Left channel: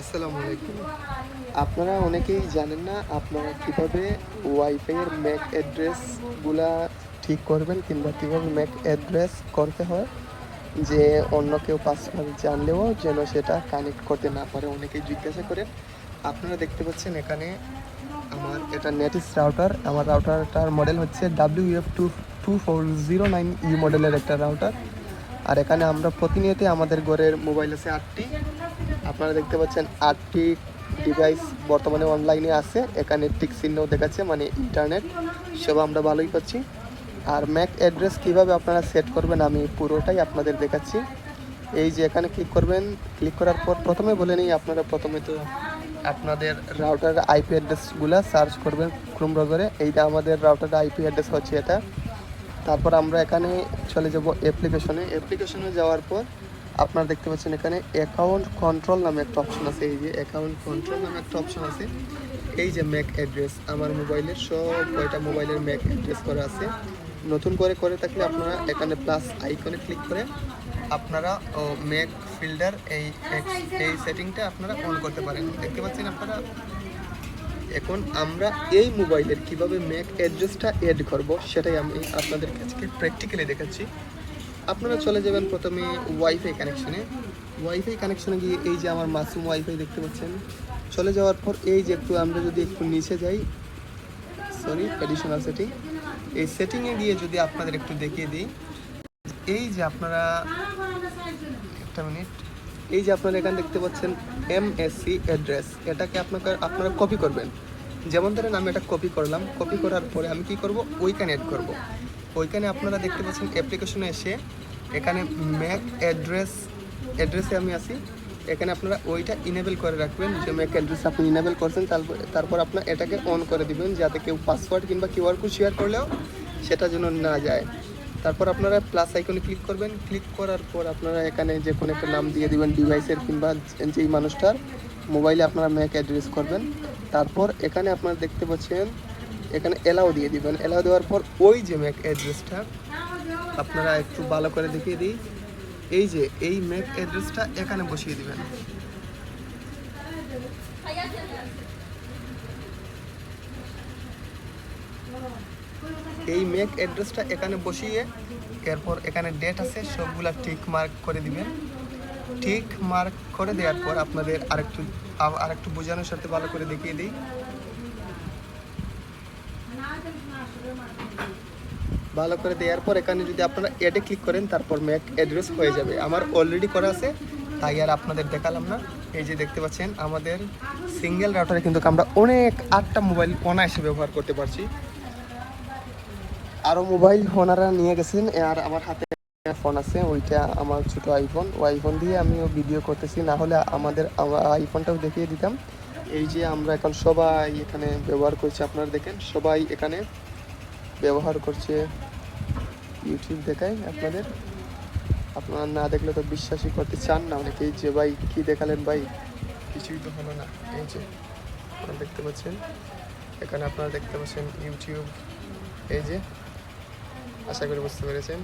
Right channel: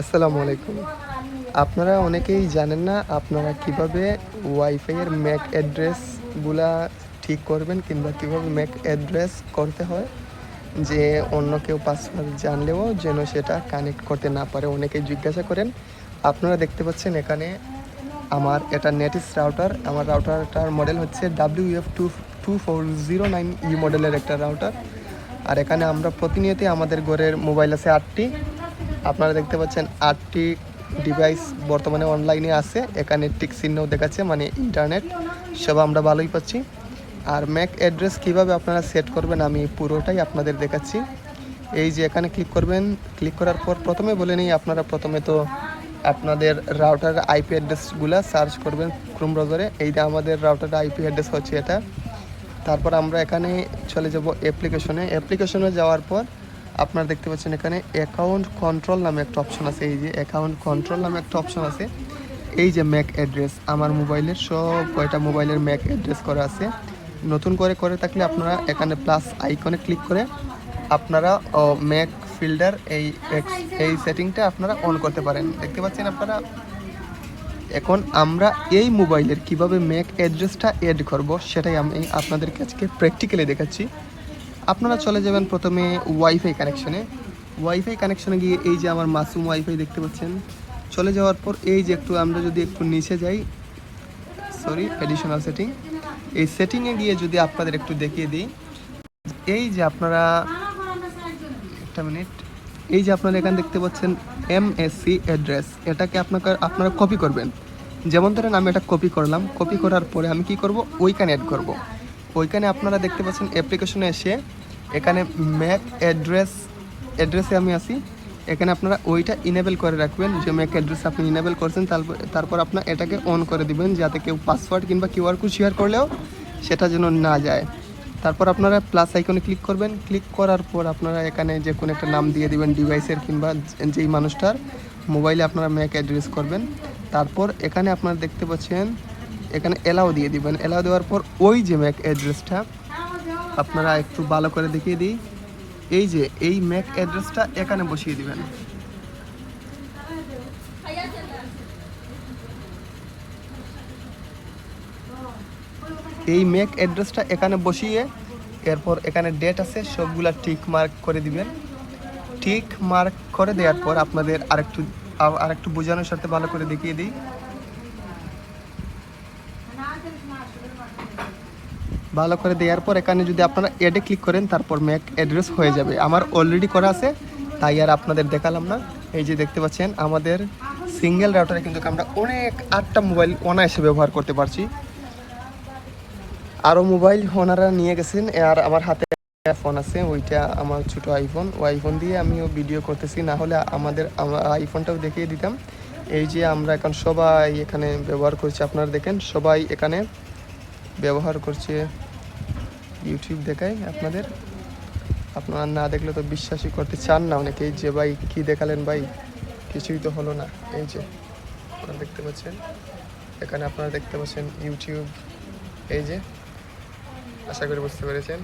আসসালামু আলাইকুম। আপনারা অনেকেই জানেন না আপনারা কীভাবে ওয়াইফাইয়ের ম্যাক অ্যাড্রেসগুলা ঠিক করবেন কিংবা কীভাবে ম্যাক অ্যাড্রেস করতে হয়, যে অন্য কেউ পাসওয়ার্ড জানলেও যেন সেটা কানেক্ট করতে না পারে। অনেকে জিজ্ঞাসা করেন, আপনারা দেখতে পাচ্ছেন এখানে আমার এটা নেটস রাউটার আমার রাউটারটার মডেল হচ্ছে W F two two four zero nine E মডেলের একটা রাউটার আর এখানে আমরা প্রতিনিয়তই আমাদের ঘরের মোবাইল আছে আটটি। আপনারা দেখতে পাচ্ছেন আটটি ডিভাইস বর্তমানে অনলাইনে আছে। এখানে টেক চিহ্নও দেখাচ্ছে মানে ইন্টারনেট সব আমরা ভালোই পাচ্ছি। আর ম্যাক অ্যাড্রেস কীভাবে আপনারা সেট করবেন, আমি পুরোটাই আপনাদের দেখাচ্ছি। এই যে এখানে ক্লিক করবেন ক্লিক করার পর প্রথমেই বলে নিই, আপনারা প্রথমে তো আপনাদের রাউটার আইপি অ্যাড্রেসগুলো সার্চ করবেন ক্রোম ব্রাউজারে এই যে আমাদের রাউটার আইপি অ্যাড্রেস হচ্ছে এটা। তারপর আমরা এখানে চলে যাব অ্যাপ্লিকেশনে অ্যাপ্লিকেশনে যাওয়ার পর আপনারা দেখতে পাচ্ছেন এখানে অ্যাকাউন্ট কন্ট্রোল নামে একটা অপশন আছে। এই যে অ্যাকাউন্ট কন্ট্রোল নামে একটা অপশন আছে। এই যে ম্যাক অ্যাড্রেস আমার মোবাইলের সব কয়টা মোবাইলের ম্যাক অ্যাড্রেস করা আছে। নতুন করে করে থাকলে আপনারা এখানে প্লাস আইকনে ক্লিক করে আপনারা ম্যাক ফিল্ডার এই এই সেটিংটা আপনারা অন করতে পারেন। দেখতে পাচ্ছেন আপনারা? এখন আমরা এই মোবাইলের কীভাবে ম্যাক অ্যাড্রেসটা অ্যাড করব, সেটাই আমি আপনাদেরকে আজকে প্র্যাকটিক্যালি দেখাচ্ছি। আপনারা চলে যাবেন প্রথমে ওয়াইফাই কানেকশনে ওয়াইফাই কানেকশনে গিয়ে এই যে আমার মাসুম ওয়াইফাই দেখতে পাচ্ছেন। চলে যাওয়ার পর এই যে একটু আমরা যদি একটু নিচে যাই। সরি এডিশনাল সেটিং এই সেটিংয়ে গিয়ে যদি আপনাদের একটু দেখিয়ে দিই। এই যে আপনারা একটা মিনিট। এই যে আপনারা এখানে দেখতে পাচ্ছেন এম এমএসসি অ্যাড্রেস এটাকে আপনাকে আপনারা কপি করবেন। যেমন ধরেন আমি এটা কপি করলাম। কপি করার পরে আমি কি করব? ওইখানে অ্যাড করব। ওইখানে আপনারা দেখতে পাচ্ছেন অ্যাপ্লিকেশনে এসে এখানে ম্যাক অ্যাড্রেস, অ্যাড্রেসে আমি আসি এখানে আপনারা ওইটা ইনেবল করে রাখবেন। যে ম্যাক অ্যাড্রেস আপনি ইনেবল করছেন, তারপর তারপর আপনার এটাকে অন করে দিবেন, যাতে কেউ পাসওয়ার্ড কিংবা কিউআর কোড শেয়ার করলেও সেটা যেন না যায়। তারপর আপনারা প্লাস আইকনে ক্লিক করবেন। ক্লিক করার পর আপনারা এখানে যে কোনো একটা নাম দিয়ে দিবেন ডিভাইসের কিংবা যেই মানুষটার মোবাইলে আপনারা ম্যাক অ্যাড্রেস করবেন। তারপর এখানে আপনারা দেখতে পাচ্ছেন, এখানে এলাও দিয়ে দিবেন। এলাও দেওয়ার পর ওই যে ম্যাক অ্যাড্রেসটা আপনারা একটু ভালো করে দেখিয়ে দিই। এই যে, এই ম্যাক অ্যাড্রেসটা এখানে বসিয়ে দিবেন। এই ম্যাক অ্যাড্রেসটা এখানে বসিয়ে এরপর এখানে ডেট আছে, সবগুলা টিক মার্ক করে দিবেন। টিক মার্ক করে দেওয়ার পর আপনাদের আরেকটু আরেকটু বোঝানোর সাথে ভালো করে দেখিয়ে দিই। ভালো করে দেওয়ার পর এখানে যদি আপনারা এডে ক্লিক করেন, তারপর ম্যাক অ্যাড্রেস হয়ে যাবে। আমার অলরেডি করা আছে, তাই আর আপনাদের দেখালাম না। এই যে দেখতে পাচ্ছেন, আমাদের সিঙ্গেল রাউটারে কিন্তু আমরা অনেক আটটা মোবাইল অনায়াসে ব্যবহার করতে পারছি। আরও মোবাইল ওনারা নিয়ে গেছেন, আর আমার হাতে ফোন আছে, ওইটা আমার ছোট আইফোন আইফোন দিয়ে আমি ভিডিও করতেছি, না হলে আমাদের, আমরা আইফোনটাও দেখিয়ে দিতাম। এই যে আমরা এখন সবাই এখানে ব্যবহার করছি, আপনারা দেখেন, সবাই এখানে ব্যবহার করছে। ইউটিউব দেখাই আপনাদের? আপনারা না দেখলে তো বিশ্বাসই করতে চান না অনেকে যে ভাই কী দেখালেন ভাই? কিছুই তো হলো না। এই যে, আপনারা দেখতে পাচ্ছেন? এখানে আপনারা দেখতে পাচ্ছেন ইউটিউব এই যে, আশা করি বুঝতে পেরেছেন।